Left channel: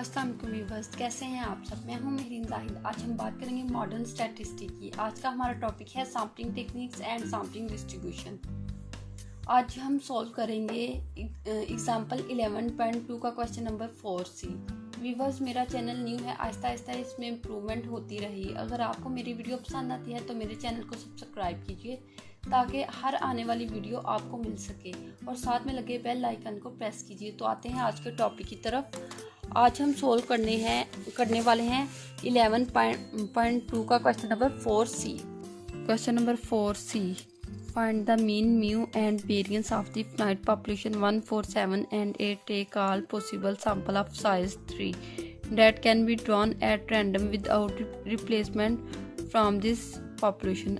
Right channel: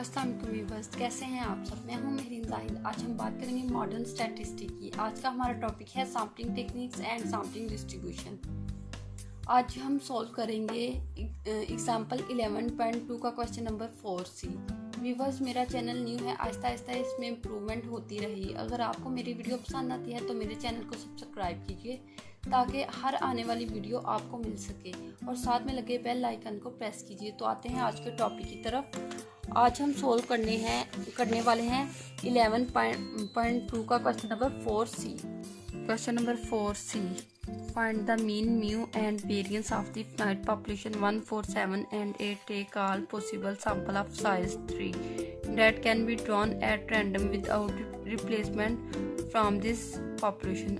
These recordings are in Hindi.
अस्सलाम वालेकुम व्यूअर्स, कैसे हैं आप सब। मैं हूं मेहरीन जाहिद। आज हम बात करेंगे मॉडर्न स्टैटिस्टिक की। आज का हमारा टॉपिक है sampling techniques and sampling distribution. आज हम सॉल्व करेंगे एग्जांपल 11.2 का क्वेश्चन नंबर 4C। व्यूअर्स, मेरा चैनल न्यू है, आहिस्ता आहिस्ता इसमें इम्प्रूवमेंट होती रही। अगर आपको मेरी वीडियो पसंद आती है तो मेरे चैनल को सब्सक्राइब कीजिए ताकि हर आने वाली वीडियो आपको मिल सके, और साथ में लगे बेल आइकन को प्रेस कीजिए। तो आते हैं आज के टॉपिक की तरफ। आज हम सोल्व करने वाले हैं 11.2 का question number 4C। Question number 4C, find the mean, mu and variance of the finite population 1, 4, 7 and 8. Take all possible sample of size 3 that can be drawn at random without replacement from this population.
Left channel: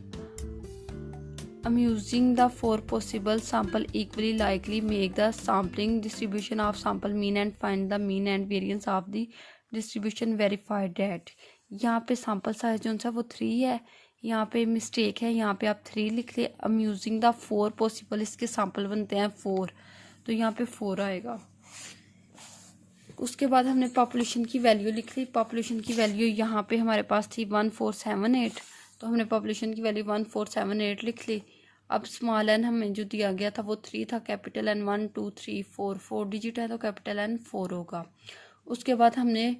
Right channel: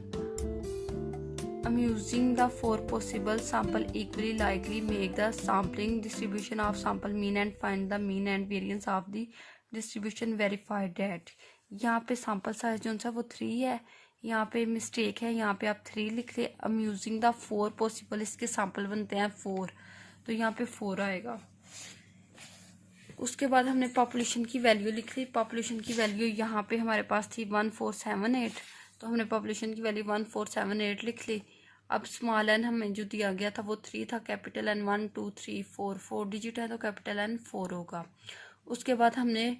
Using the 4 possible sample equally likely, make the sampling distribution of sample mean and find the mean and variance of the distribution. Verify that. यहाँ पे sample size जो सा वो 3 है, यहाँ पे मिस्टेक है, यहाँ पे आप 3 लिख ले। Using the 4 possible, इसके sample बनते हैं 4, तो यहाँ पे 4 आएगा। उसके बाद हमने पॉपुलेशन की वैल्यू लिख ली। पॉपुलेशन की वैल्यू यहाँ पे हमारे पास थी 1478, तो हमने पॉपुलेशन की वैल्यू 1478 लिख ली। अब स्मॉल एन हमें जो दिया गया था वो 3 था, कैपिटल एन 1 2 3 4 डिजिट है तो कैपिटल एन 4 होगा। उसके बाद हमने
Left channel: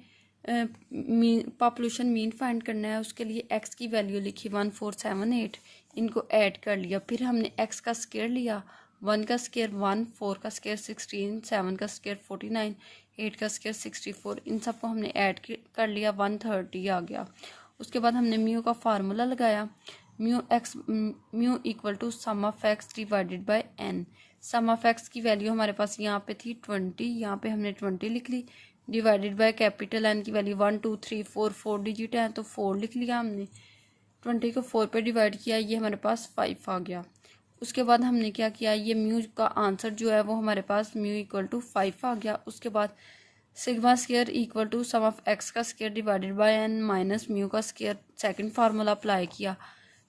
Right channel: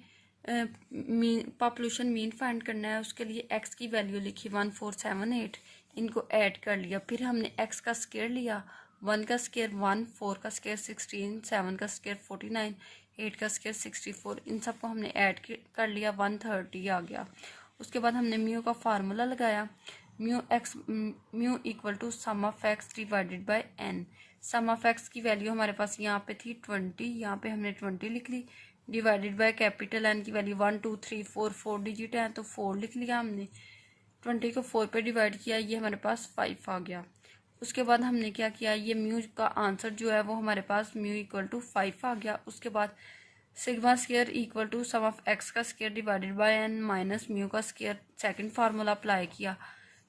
पॉपुलेशन मीन फाइंड करना है। उसके लिए एक्स की वैल्यू लिखी 1478, इनको ऐड कर लिया। फिर हमने एक्स का स्क्वायर लिया, 1 का स्क्वायर 1, 4 का स्क्वायर 16, 7 का स्क्वायर 49, 8 का स्क्वायर 64, इन सबको हमने ऐड कर लिया, 130 आ गया। उसके बाद हमने म्यू का फार्मूला लगाया, mu equal to sum of X divided bye N. Sum of X की वैल्यू हमारे पास यहाँ पे थी 20, यहाँ पे हमने 20 लिख ली, डिवाइडेड बाय कैपिटल एन की वैल्यू 1 2 3 4 डिजिट है तो 4 लिख लिया हमने। 20 को 4 पे डिवाइड किया, ये हमारे पास 5 आ गया। उसके बाद हमने क्या किया, ये म्यू का आंसर जो है वो हमारे पास म्यू इक्वल टू 5 आ गया। उसके बाद sigma square equal to sum of x का square divided bye N minus mu का स्क्वायर, सेकंड फार्मूला अप्लाई किया।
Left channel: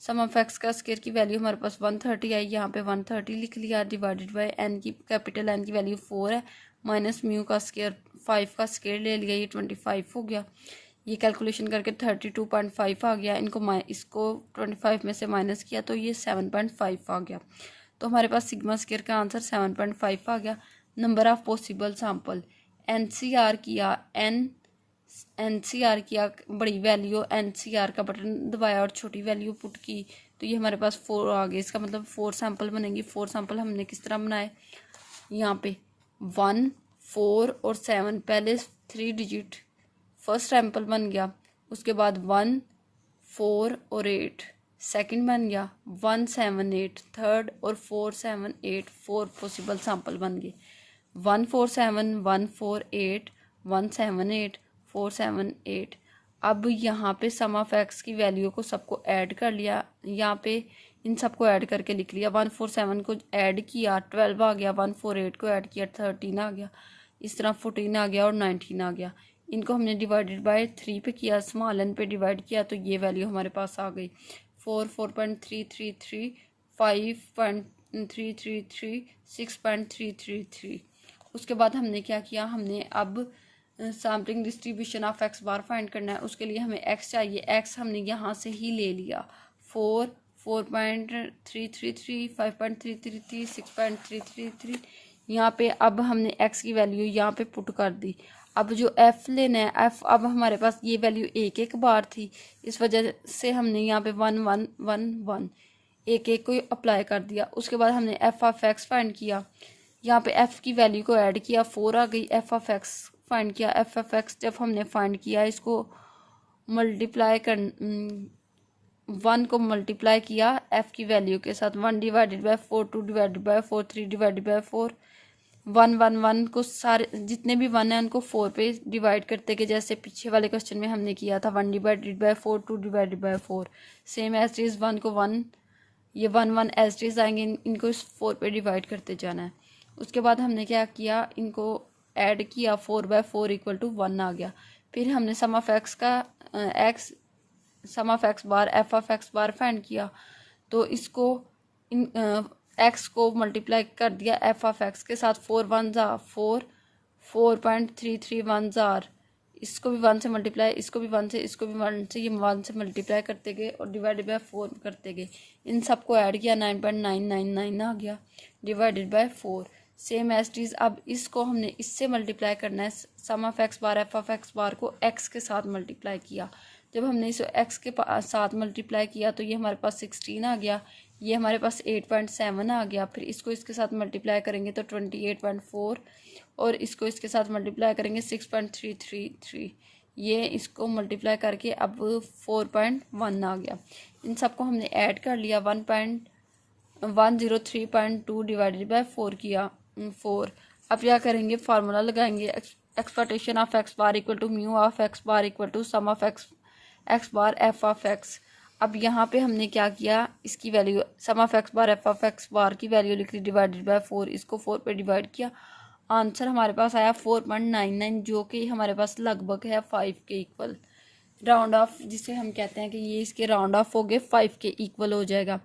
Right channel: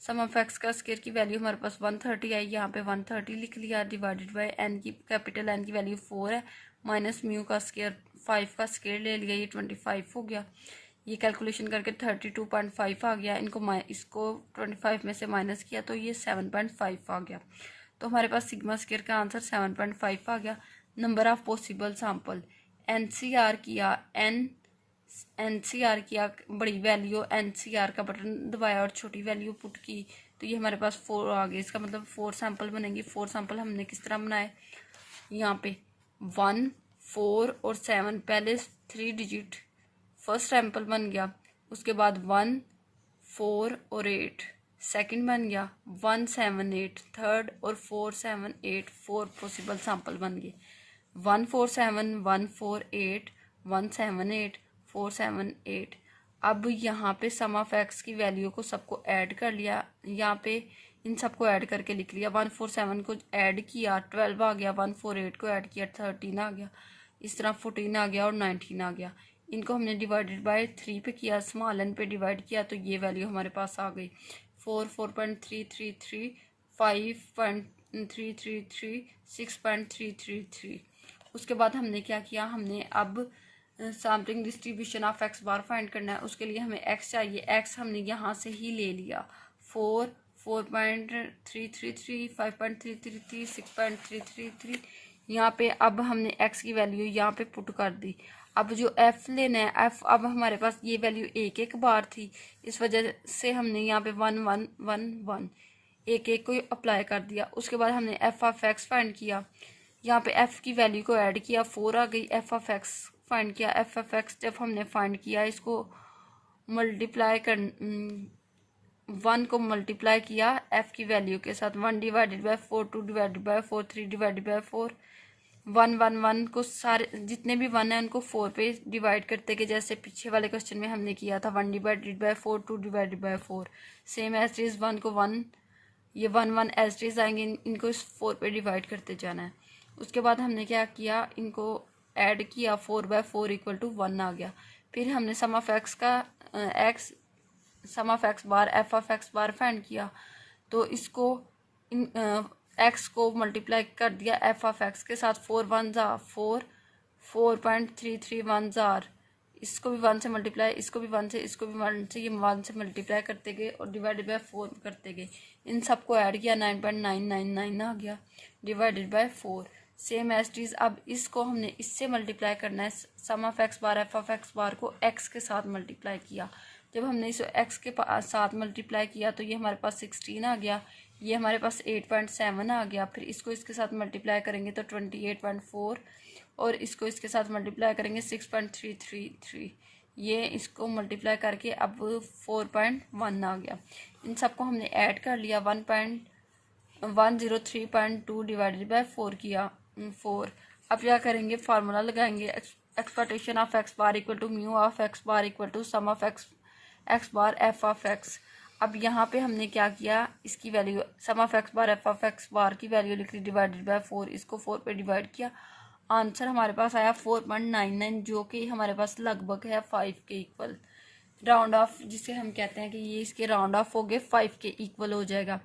सम ऑफ एक्स का स्क्वायर की वैल्यू हमारे पास 130 आई, यहाँ पे 130 लिख लिया, डिवाइडेड बाय एन की कैपिटल एन की वैल्यू 4 है, माइनस म्यू का स्क्वायर 5 का स्क्वायर ले लिया, ये 25 हो गया। ये कैलकुलेशन करके 32.5 आ गया। इसको 25 में से माइनस किया तो ये 7.5 आ गया। तो हमारे पास सिग्मा स्क्वायर का आंसर 7.5 आ गया। Number of possible sample, NCR किया, एनसीआर किया, बड़ी वैल्यू एनसीआर का बटन दबाया और छोटी वैल्यू पुट की, तो ये हमारे पास 4 आ गए। इसका मतलब 4 सैंपल बनेंगे। 4 सैंपल हमने किस तरह बनाए, यहाँ पे 1 4 और 7, पहले 3 डिजिट फर्स्ट सैंपल बन गया। उसके बाद 1 4 और 8 सेकंड बन गया, 1 7 8 थर्ड, और 4 7 8 4 पॉसिबल सैंपल बन गए। 1 4 7 1 4 8 1 7 8 4 7 8। अब यहाँ पे सम ऑफ एक्स की वैल्यू को सबको ऐड कर लिया, यहाँ पे इन सबको ऐड करके लिख लिया। 147 को ऐड किया 12 आ गया, 148 को ऐड किया 13 आ गया, इस तरह 14 आ गया और 19 आ गया। इनको हमने डिवाइडेड बाय 3 पे किया, स्मॉल एन पे डिवाइड किया, तो ये वैल्यू हमारे पास आ गई 4.333 5.333 6.333। उसके बाद हमने क्या किया, हमने अब sampling distribution of x bar find करना है। उसके लिए हमें एक्स चाहिए, एक्स हमने यहाँ से ही ले लिया, 4 4.333 5.333 6.333। यहाँ पे अब हमने एक्स की वैल्यू यहाँ पे पुट कर दी। अब जो एफ लेना है, एफ अब हमारे पास ये वैल्यू एक बार थी, इस वजह से हमने यहाँ पे 1 1 1 1 एक को अप्लाई कर दिया। उसके बाद हमने एफ ऑफ एक्स फाइंड किया, यहाँ पे एफ की वैल्यू को ऐड किया, 4 आ गई। एफ ऑफ एक्स फाइंड किया, एफ ऑफ एक्स जब हमने फाइंड किया, इसको मल्टीप्लाई कर 1 को मल्टीप्लाई किया एफ की वैल्यू के साथ, 1 divided by 4 2 divided by 4 3 divided by 4 1 1 1 को सारे जितने भी 1 है उनको 4 पे डिवाइड करते गए, जैसे पीछे वाले क्वेश्चन में हमने किया था। 1 divided by 4 2 divided by 4, same as is 1 को 1, ये 1 1 एज इज आएंगे, इनको 4 पे डिवाइड करते जाना है। उसके बाद हमने क्या किया, इनको ऐड किया, 4/4 इक्वल टू 1 आ गया। फिर हमने सम ऑफ एक्स का sum of x bar f of x bar find किया, तो इसको एक्स को मल्टीप्लाई कर दिया एफ ऑफ एक्स के साथ, 4 1 4 4.331 जार इसको भी 1 से मल्टीप्लाई, इसको भी 1 से, इसको भी 1 से, ये 1 से मल्टीप्लाई करते गए और डिवाइडेड बाय 4 करते गए। इन सबको ऐड किया 9.999 आ गया divided by 4। Same as it is अब इसको हमने इससे मल्टीप्लाई करना है। Sum of x bar f of x bar को एक्स के साथ मल्टीप्लाई किया। जब हमने इसे एक्स के साथ मल्टीप्लाई किया तो ये हमारे पास 16 आ गया, ये हमारे पास 8.7 आ गया। फिर इसको इसके साथ मल्टीप्लाई करेंगे तो 28.4 और इसको इसके साथ मल्टीप्लाई करेंगे 6.333। ये इसको मल्टीप्लाई करके अब 4.1 आ गया। इन सबको हमने ऐड कर लिया। 103.2 डिवाइडेड बाय 4 किया 4। अब क्या करेंगे, फार्मूला लगाएंगे। Expectation of x bar equal to mu of x bar equal to sum of x bar f of x. अब यहाँ पे हमने क्या किया, इसकी value sum of x bar f of x bar की वैल्यू लिख ली डिवाइडेड बाय 4। इसको 4 पे डिवाइड किया, आंसर हमारे पास आया 4.99, जो कि हमारे पास लगभग है 5 के इक्वल। राउंड ऑफ जिसे हम कहते हैं कि ये इसके राउंड ऑफ हो गए 5 के इक्वल हो जाएगा।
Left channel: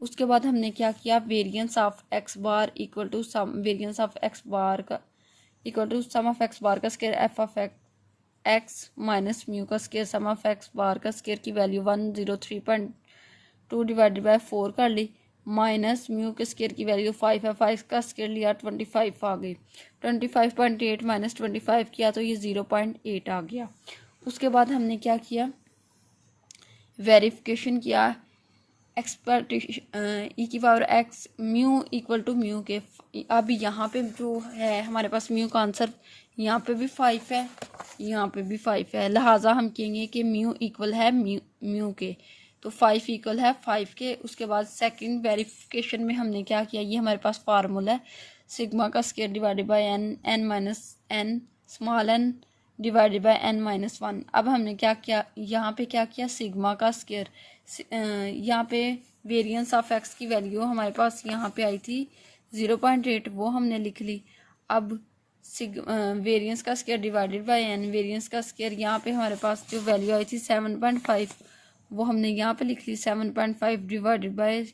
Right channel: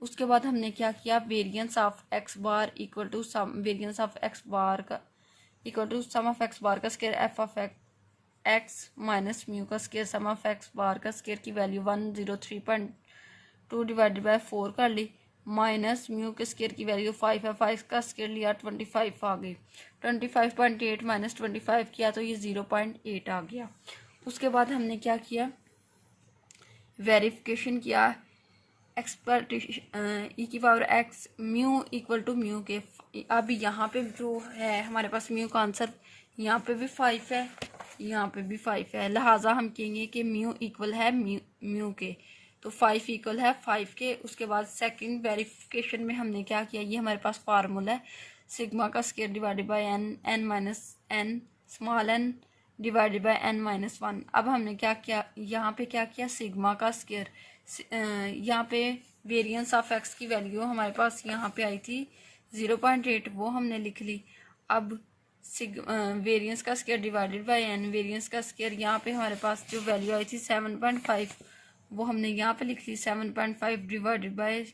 उसके बाद हमने क्या किया, variance of x bar equal to sum variance of x bar का equal to sum of x bar का square f of x minus mu का square sum of x bar का स्क्वायर की वैल्यू 103.2 डिवाइडेड बाय 4 कर ली, माइनस म्यू के स्क्वायर की वैल्यू 5 है, 5 का स्क्वायर लिया 25 आ गई। 25.8 माइनस 25 किया तो ये 0.8 आ गया। उसके बाद हमने क्या किया, वेरिफिकेशन किया। एक्सप्लॉटेशन ई की power X mu equal to mu के। अब यहाँ पे जो है हमारे पास म्यू का आंसर यहाँ पे भी 5 है, यहाँ पे भी 5 है, लिहाजा हम कहेंगे कि म्यू इक्वल है म्यू के, तो 5 इक्वल है 5 के। उसके बाद सेकंड वेरिफिकेशन में हमने क्या किया, ये हमारे पास फार्मूला है सिग्मा का square divided bye N minus N small N divided by n minus 1। अब हमने क्या किया, यहाँ पे क्या किया, सिग्मा का स्क्वायर, यहाँ पे वेरिएंस ऑफ एक्स की वैल्यू हमारे पास यहाँ पे आई थी 0.8, वो हमने लिख ली। अब वेरिएंस का square divided by n, variance का स्क्वायर यहाँ पे हमारे पास जो वैल्यू आई थी 7.5 वो हमने यहाँ पे लिख ली। 7.5 डिवाइडेड बाय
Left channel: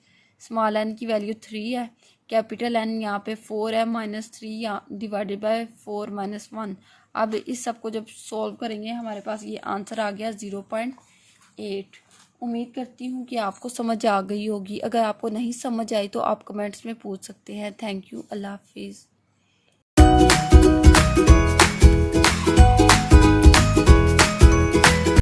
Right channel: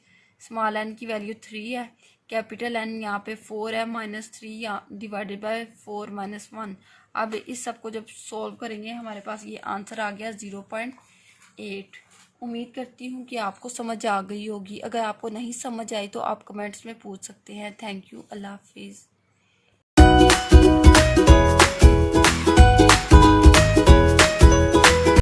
स्मॉल n की वैल्यू 3 है, कैपिटल N यहाँ पे 4 है, माइनस 3 डिवाइडेड बाय 4 माइनस 1। अब इस सब को जब सॉल्व करेंगे हमारे पास ये आंसर आ गया 0.8। उम्मीद करती हूँ कि आपको समझ आ गई होगी। अगर आपको नहीं समझ आई तो आप कमेंट्स में पूछ सकते हैं। थैंक यू, अल्लाह हाफिज़।